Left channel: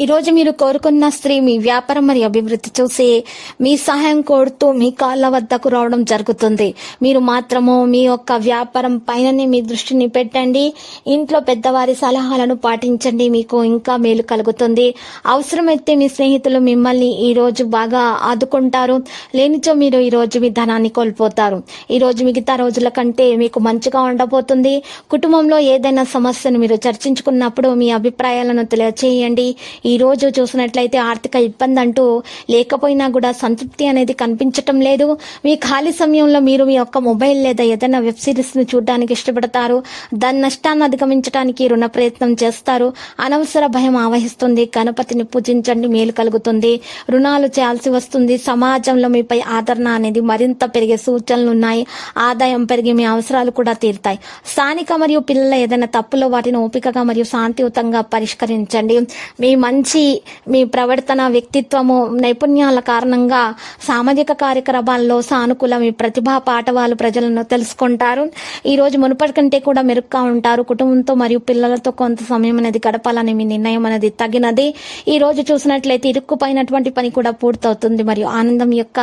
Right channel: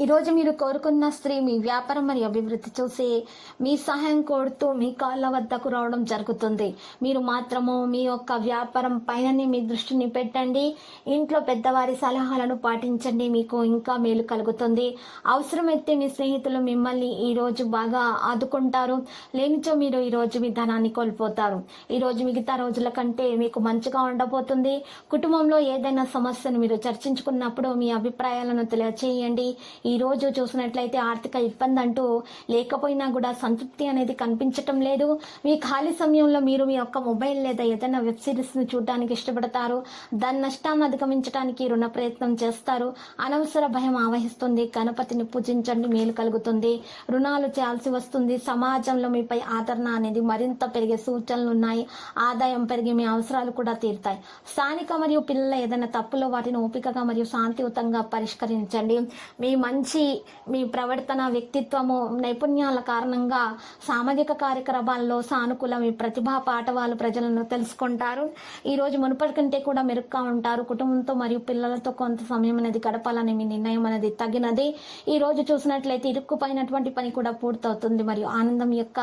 ఈరోజు మీరు కోరుకున్న స్త్రీ మీ వ్యాపారం మరియు అభివృద్ధి చూసి మీ సహాయం కోరుతూ మీ కాళ్ళ వద్దకు రావడం జరుగుతుంది. మీరు మాత్రము మీ యొక్క వ్యాపారం పైననే మీ దృష్టిని పెట్టండి. ఇంట్లో పెద్దవారి సలహాలను పాటించండి. మీకు ఇంకా మేలు కలుగుతుంది. అవసరమైతే మీ స్నేహితులు మిమ్మల్ని ఈరోజు బాగా ఆదుకుంటారు. లేనిచో మీరు ఈరోజు మీ ధనాన్ని కోల్పోతారు. ఈరోజు మిగతా రోజుల కంటే మీకు మంచిగా ఉండబోతుంది. కుటుంబంలో ఏదైనా సమస్యను మీరు చర్చించుకున్నప్పుడు మీ అభిప్రాయాలను తెలియచేయండి. ఈ రోజు చూసినట్లయితే ఆర్థిక ఇబ్బంది అంటూ లేకపోయినా కూడా సంతృప్తి అనేది కనిపించటం లేదు. మీ ఖాళీ సమయంలో మీరు మీ యొక్క మొబైల్ లేదా ఏదైనా వెబ్ సిరీస్ను చూడడానికి ఇష్టపడతారు. దాని నష్టాన్ని అధిగమించడానికి రుణ ప్రయత్నం చేస్తారు. అనవసర భయం ఆవహిస్తుంది. గణపతిని పూజించండి. మేలు కలుగుతుంది. రుణాలు చేయాల్సి వస్తుంది. సమాజంలో మీపై ఆదరణ అనేది మరింత పెరిగే సూచనలు ఉన్నాయి. ఆదాయం పెరిగి మీ అవసరాలు కూడా తీరుతాయి. స్థానిక మరియు పిల్లల ఏదైనా తప్పులో వాటిని ఓపికగా మరియు శాంతియుతంగా పరిష్కరించండి. మీ మంచి మీ ప్రవర్తన వ్యక్తిత్వము నైపుణ్యాల కారణంగా సామాజిక కార్యక్రమాల్లో సానుకూల మీ ప్రతిభా పాఠవాలు ప్రజలను తెలుసుకుంటారు. ఈరోజు మునుపటి కంటే కూడా మెరుగ్గా ఉంటారు. కుటుంబంతో మరియు పిల్లలతో కొంత సమయం అనేది గడపాలని మీ నిర్ణయం అనేది తగినది. ఈ రోజు చూసినట్లయితే ఇరుక్కుపోయినటువంటి పని కూడా పూర్తవుతుంది. మరియు ఆనందం యొక్క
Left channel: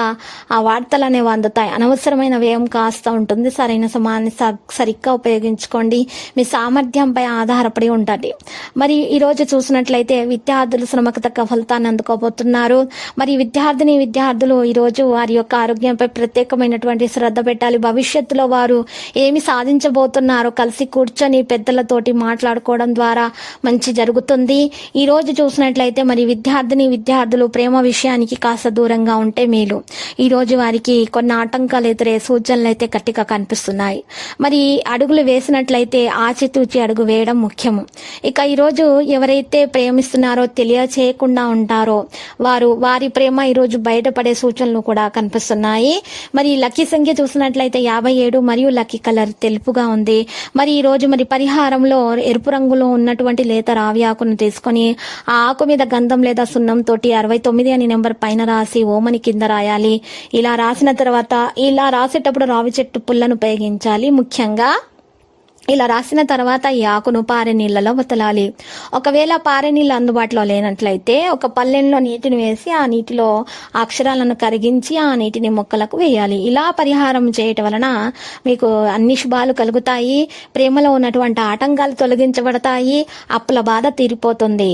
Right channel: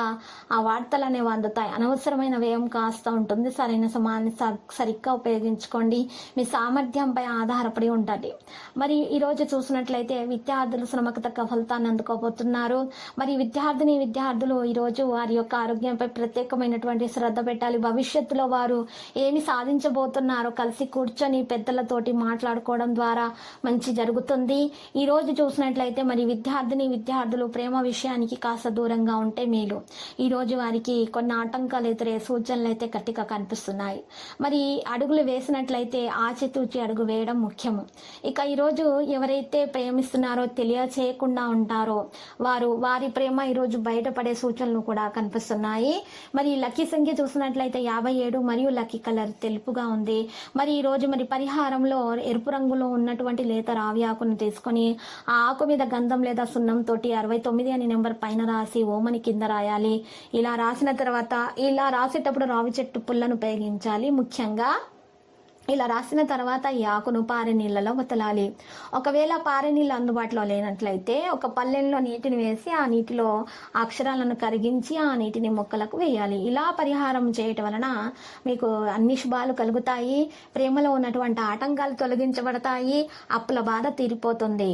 ఆ వార్తలు అనేవి అందుతాయి. అనవసరమైన వ్యయం కాస్త ఉంటుంది. సరైన సమయాన్ని సరిగ్గా ఉపయోగించుకోండి. మీ సామర్థ్యంపై ఆధారపడి ఉంటుంది మరి ఈరోజు చూసినట్లయితే విద్యా విద్యార్థులు శ్రమకు తగ్గ ఫలితాన్ని అందుకోబోతున్నారు. మరి విద్యార్థిని విద్యార్థులు ఈరోజు వారి యొక్క ఆరోగ్యంపై ప్రత్యేకమైనటువంటి శ్రద్ధ పెట్టాలి. భవిష్యత్తులో వారు ఏమి సాధించబోతున్నారో కలిసి కూర్చొని పెద్దలతోటి మాట్లాడుకోవడం ద్వారా మంచి జరుగుతుంది. ఈరోజు చూసినట్లయితే మరి విద్యార్థిని విద్యార్థులు ప్రేమ విషయానికి కాస్త దూరంగా ఉంటే మేలు. ఈరోజు వారికి కొన్ని ఆటంకాలు ఎదురే సూచనలు అయితే గట్టిగా కనిపిస్తున్నాయి. మరి అడుగులు వేసినట్లయితే ఆచితూచి అడుగు వేయడం ముఖ్యము. ఇక ఈరోజు ఎవరైతే ప్రేమిస్తున్నారో తెలియచేయకుండా ఉంటారో. వారు వారి ప్రేమ ఈరోజు బయటపడే సూచనలు కూడా కనిపిస్తున్నాయి. మరి లక్కీ సంఖ్య చూసినట్లయితే యాభై ఏడు మరియు లక్కీ కలర్ తెలుపుగా ఉంది. మరి ఈ రోజు మరి పరిహారంలో ఎరుపు రంగులో ఉన్నటువంటి లేత రావి ఆకును తీసుకొని ఆ ఆకు మీద గంధం లేదా సున్నం తోటి అరవై తొమ్మిది అని నెంబర్ పైన రాసి ఓమని కింద రాయాలి. ఇలా రాసిన తర్వాత ఇలా రాసేటప్పుడు రావి చెట్టు పుల్లను ఉపయోగించాలి ముఖ్యంగా. ఇలా రాసిన తర్వాత ఈ ఆకును పారే నీళ్ళలో వతలాలి. ఒకవేళ పారే నీళ్ళు అందుబాటులో లేనట్లయితే ఒక పల్లెల్లో నీటిని వేసి ఆ నీటిలో అక్షరాలను కరిగించి ఆ నీటిని మొక్కలకు వేయాలి. ఇలా పరిహారం చేయటం వలన మీకు అన్ని శుభాలు కలుగుతాయి. ప్రేమలో ఉన్నటువంటి ఆటంకాలు తొలగించబడతాయి. అప్పుల బాధ తీరిపోతుంది.